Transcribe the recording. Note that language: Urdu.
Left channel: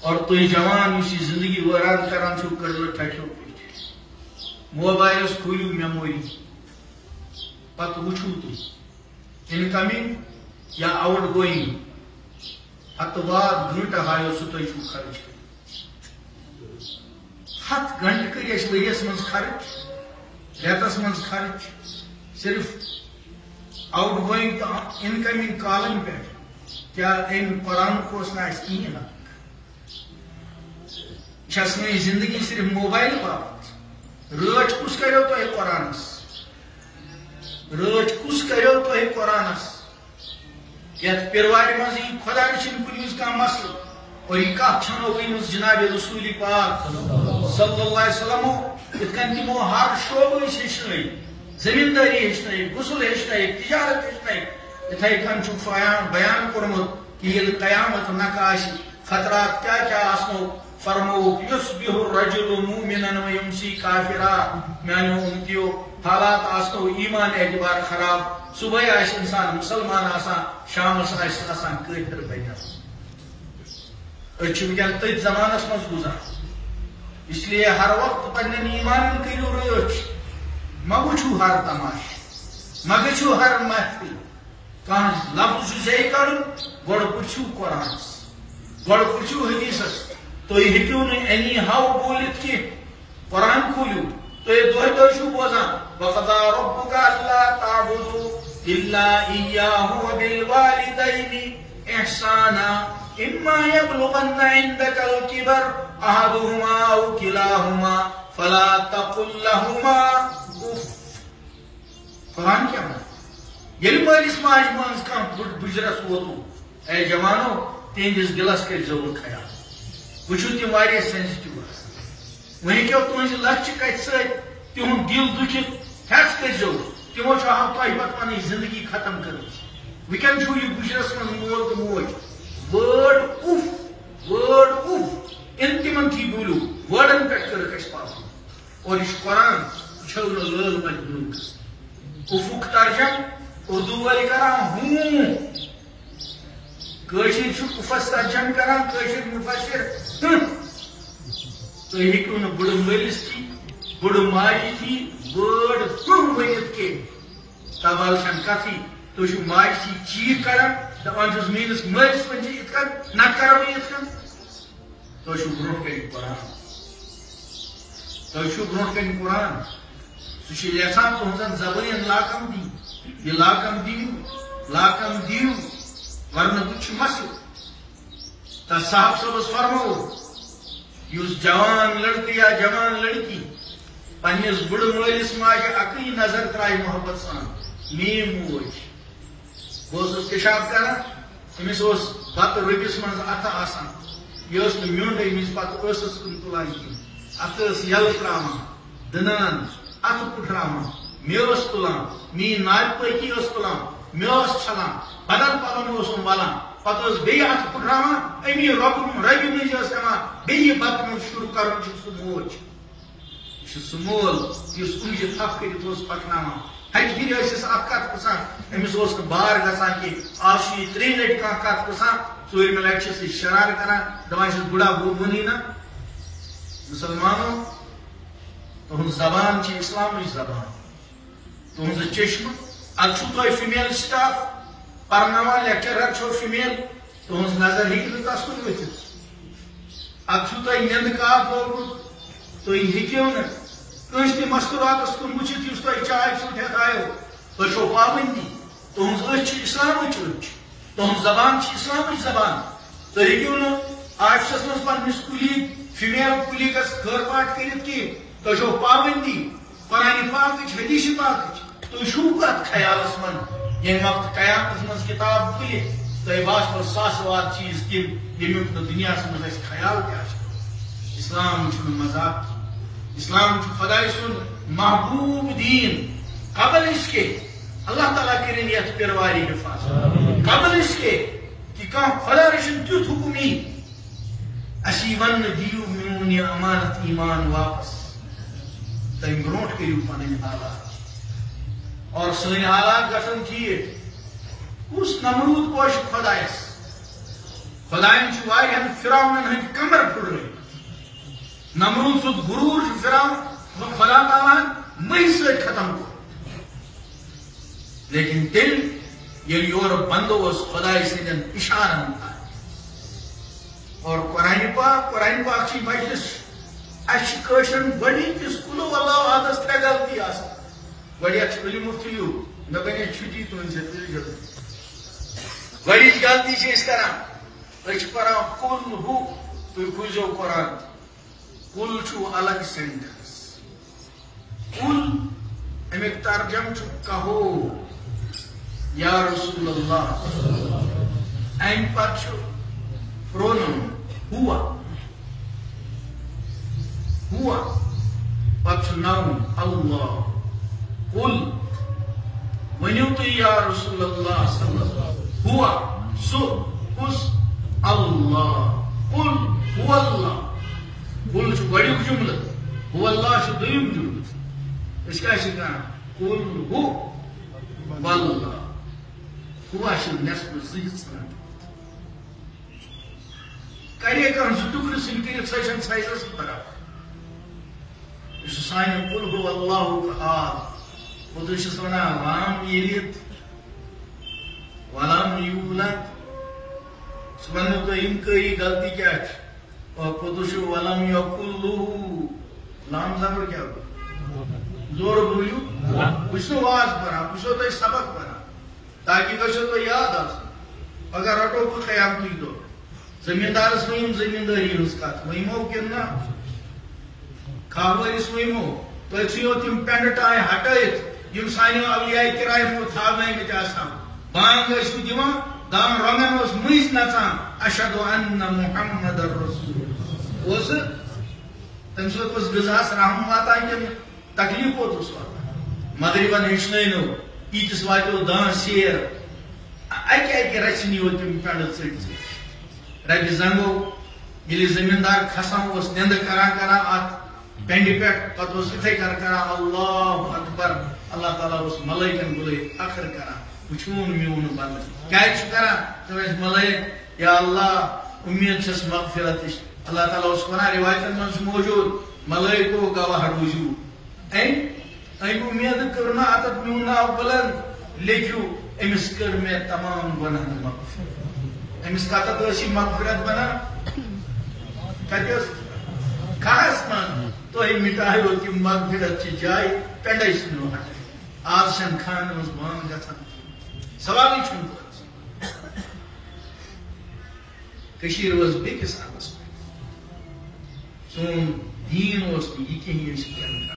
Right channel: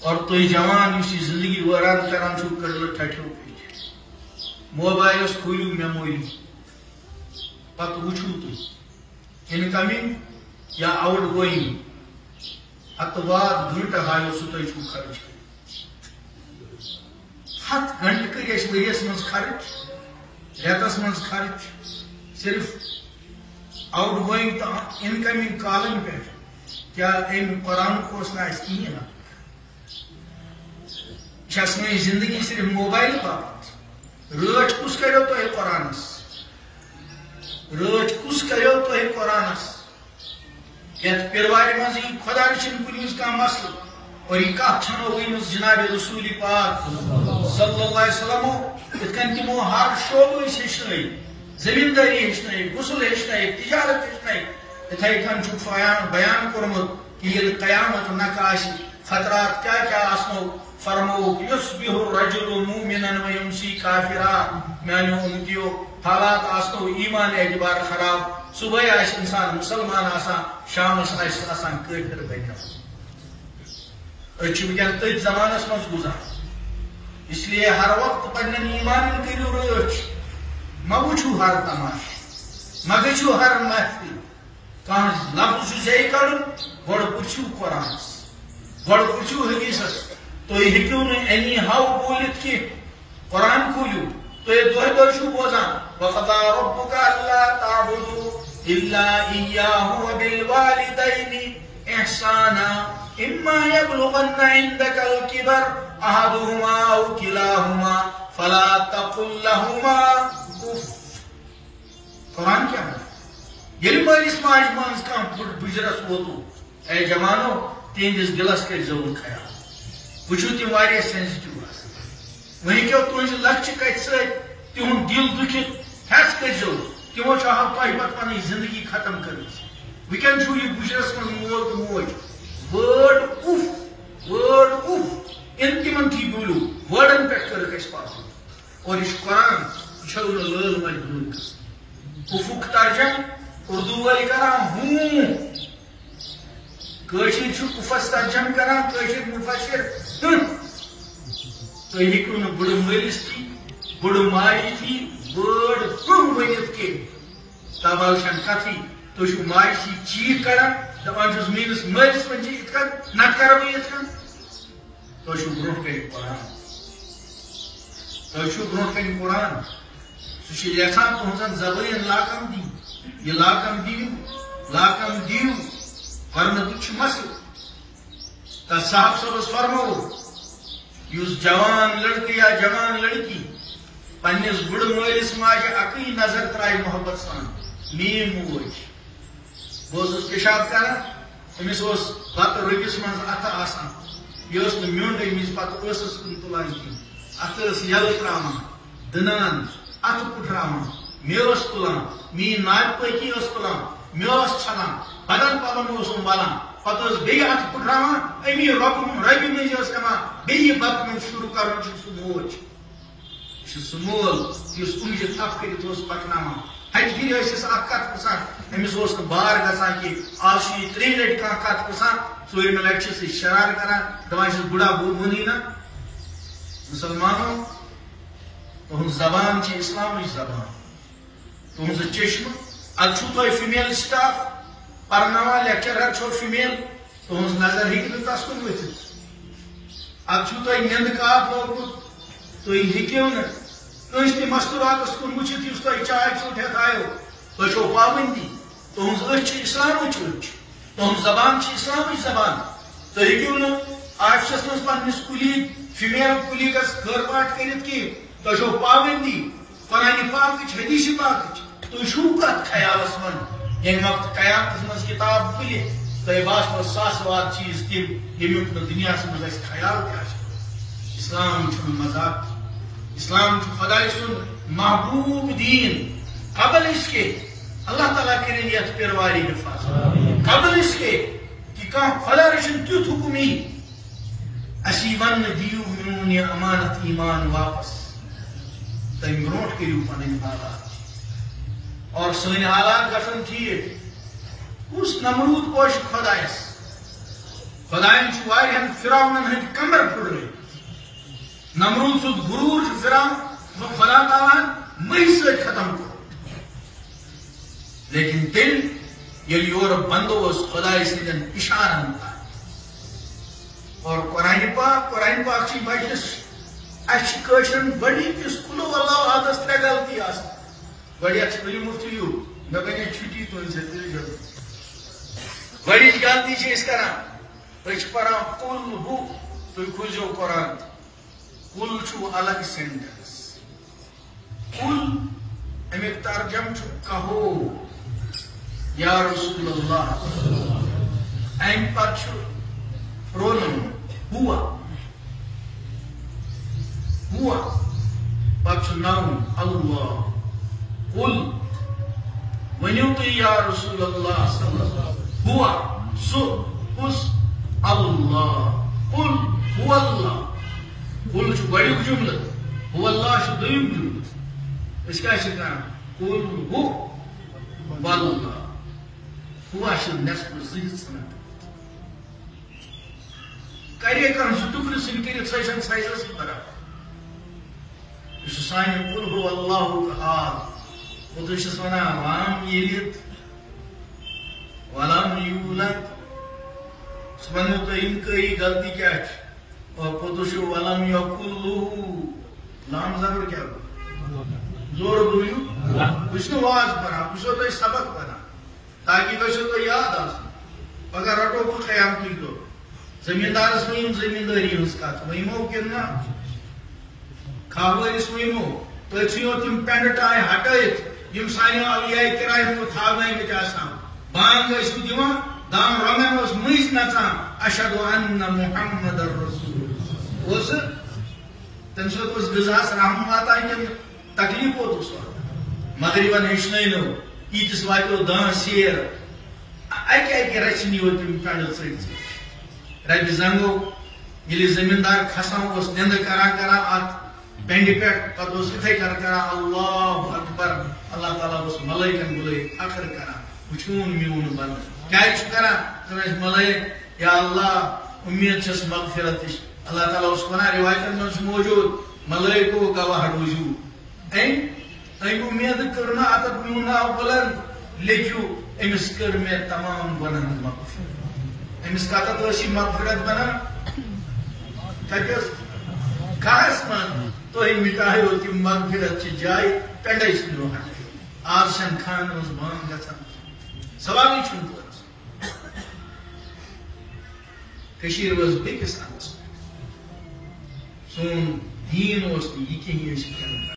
اور تھی جوان اس زندگی ویران کران چھو کر لو ٹھٹھو پیچھے موبائل کھولو میموری پتہ وچھو تھی انکمنگ یا آؤٹ گوئنگ ہتھ بعد گھنٹہ ہایو سہ تھی چھو خرچ کر 7 گھنٹہ کر اس ؤریس من خرچ ریتس من خرچ صرف آؤٹ گوئنگ تو انکمنگ کالن پہ کیا ام قرآن کو نا اس کہین سن زندگی صرف موبائل باپت رچ کس کرو تہ قرآنس رچ کس کرو تہ قرآنس یت پیرواری مز یہ خدا رچن کن کھانا مسئلہ اور یہ کت چھنو ونس جناب رسول پاک صلی اللہ علیہ وسلم ات کن تمو ہر شعبہ ہیچن زمینداری ہیچن غسل ہیچن تجارت ہیچن اتھے کن بیان کورمت کہ یل قیامت نقاش خطرات کیا کیا آسنو فرمو یصبح الرجل مومنا ویمسی کافرا میانو امتیو حالات آسنو ایمان اعتبار خراب صبح آس انسان مسلمان آسان شام آسان کافر بیٹھا ونکین تھی زمانس من گزار اس لیے ہر وقت پنن ایمان کرو رچ مہ وچھو ہر تماش مہ گھو ہر محفل کھانا لفظ صحیح کڑ گوڑ پرچھو قرآنس گوڑ پرچھو حدیثس تھی ہیکو نی ہاؤ بولت کی قرآن کھولو تھی دہ دہ چھو بوزان وقضى ربك الا تعبدوا الا اياه وبالوالدين احسانا اما يبلغن عندك الكبر احدهما او كلاهما فلا تقل لهما اف. قرآن کیا ہے یل مالس ماج مز کم بزرس ووتو اے جوانو تہندس دلس کر ضرور خیال وچھو تم واریاہ سینسٹیو وہی کیو تہذ لچھ کت ست تہد دل دکھت ہیس کرو تمو ہم تہ پتہ پن زندگی ختم کر ونکین چھو یہ بشرس من مول تو موج ورڈ اف ان تمن تھی بولو ورڈن پہ کر اس پاس اور یہ قرآن چھو لل مجبور افق ترجم اردو والی کران ہوں کشر چھو افس ترجم کران کشر مفسر تو ہیکو نا بڑ ملس تھی بڑ ماجی تھی ورڈ ورنت کے تابال شن کتھی تو چھو ماج تھی چیت کران دپان چھس میس ملس ون ات کن نہ کرو ات کن تو چھو برو کن قرآن تو چھو برو کن قرآن سہ یژھان تہذن زبان لاکم دی یہ لاکم دیو ورنہ تہ مسئلہ تس صاحب صبس فرمو اس جوان لڑکہ یا جوان لڑکی پنس بڑ مالس ماجہ اکی نظر ترائی محبت سان میم موج بہت پیشاب کرنا امس بتہ ربس من اتھ آسان یہ میونڈ امس پتہ ٲسس کن تلان کھین اتھ یل تراان دنان اتھ پھٹراان میس تلان مین ناد پکی تلان میس چھلان بدن پلن بلان پتہ بیٚیہِ اتھ پھٹراان امی ربہِ مٔنٛزۍ کران بیٚیہِ بتہٕ منٛز شروع کران چھُ سُہ موج یہ سہ مول یس کُنجہِ تھپھ کٔرِتھ پکناوان ہتہِ پھرِ ٲسِس اکھ کتھ پرژھان أمِس اوس نہٕ بار گژھان کہ آز چھُ یہِ 3 لٹہِ کانٛہہ کتھ پرژھان 4مہِ لٹہِ چھِس أسۍ شرار کران دپان چھِس بُڈا ووٚنُے نا مسلمانو تُہنٛز زبان چھِ اسلامٕچ زبان تُہنٛز چشمہٕ اتھ چھُو تۄہہِ فیمیل سٹاف پرناوان لیکچرر چھو فیمیل تہذ نظر ہیٚکہِ نہٕ تس کُن ؤتھِتھ اتھ چھُو تۄہہِ نیندٕ کاپ لوگمُت تُہۍ ہیٚکِو نہٕ کٲنٛسہِ تہِ مستوراکس کُن وٕچھِتھ یُس تۄہہِ چاے ژھوٚٹ ہٮ۪تھ آیو تۄہہِ چھو پابندی تُہنٛز أچھ چھِ اسلامٕچ أچھ تُہنٛز زبان چھِ اسلامٕچ زبان تُہۍ ہیٚکِو نہٕ آفسس منٛز پننِس کُلیٖگ فیمیل کُلیٖگس خٲر پاٹ کٔرِتھ کینٛہہ تۄہہِ چھو پابندی قرآنہِ پاکٕچ حدیث پاکٕچ تُہۍ چھُو کتھ خیالس منٛز ییٚمہِ وقتہٕ قیامتس منٛز کِتاب کھُلہِ تۄہہِ باسنو ساسہٕ واد چیٖز تِم ییٚمیُک نہٕ دُنیاہس منٛز اَسہِ خیال تہِ آسہِ اسلام چھُنہٕ مذاق اسلام چھُ خداے سُنٛد محبوب دین قبل اس کے اللہ تعالیٰ کٔرِنۍ یتھ پیرواری حفاظت قبل اس کے کہ کانٛہہ خدا رٔچھِنۍ تیُتھ حُکم یی اَسہِ یی وننہٕ دِیِو میون یہِ امانت ایمان واپس تمہِ برونٛٹھ کٔرِو پنٕنۍ حالات اور سٲنۍ حالات گژھن ٹھیٖک کُس نمروٗد پوشہِ خۄدایس خدائن واریاہن فرعونن ہند کمر پھڑرے نمرود سُد غرور فرعون خدا تعالیٰ مئی سے ختم کر لیکن تیل یل یور بندو خدا سندین اشارن اور قرآن پاک کی مجلس اچھن بڑی سکول اللہ راتس ترے غلطی آس بڑی اچھی بلی مفتیو نہ بنے چھٹی تم سے تیل جو بڑی غلطی سے اس طرح ایک پڑھا کل ہو تو کھوجو قرآن کل چھو الگ سینٹنس کل امیک ترجم چھو کہو یا رسول اللہ این پر چھو پرونم ہوا پچھ نام اللہ قل ونیوتی یا رسول اللہ صلی اللہ ہوا سو اس اللہ قل ہوا اللہ قل چھو بڑی جملہ ہوا اللہ چھو دیم جملہ اس کا شکرہ قل ہو واللہ ہوا چھو نصف زید سنت کریے کرن سو ٹکر سن کریت سیشن سائزس برابر اس سائن قل ہو اللہ احد وہ تو اس ونا لام یلد ولم یولد سبحانہ تو انکاری غلطی کیا ہے اور پتوشو ولم یقل نام زبر کیا ہو زور بولیو اس نے واز بنا اس نے تو سبق بنا تاکہ تو یاد آسن اگر رٹو کو خیام کی تو زمیندار اس میں زمینداری اس کا مہمو کرنا کھاوہ اس مہمو کچھیوں تم پینڈٹائیں ہٹائیت یم سائنی اولیاء کرائم کو تھاوائیں گے جاسا بانگ اس کو دیوان دام رمن اس مئیس نچا اشہد ان محمد رسول اس تنسوت اس غزاس رحم آتا ہے کہ تکلیف کو تو سواتا مغربا نشنائی لو ایتس وائیو دان سیر اکی رچنی ہوتی مکانل سیدزی رب زنگو ملی زمیندار خسام اس دند کران آت بینڈی پیٹ پت اس اتھے کران اللہ اکبر اللہ تعالیٰ اس ملائکن بلے اخر کران وچون میون بند کیا اس کران ترس ملائک یا اللہ امید چھس مغفرتش اللہ تعالیٰ اس قرآن روایتن منس موجود ملائکو گواہ وجود این امید کرنا اتت مونا بلند لیکیو امس کر میں تمام گناہ مغفرت امس کاتا تو اسی مغفرت بنا کہتے خاص من تو ہی مٹاہی ہوتی مغفرت چی جائی پینڈا اس میں ہوتا آج شن خان روز مان جاتا سوالی چھون تو کشیر روز بے کسان اس میں سون دین اس میں یہ کہیں یہ شکر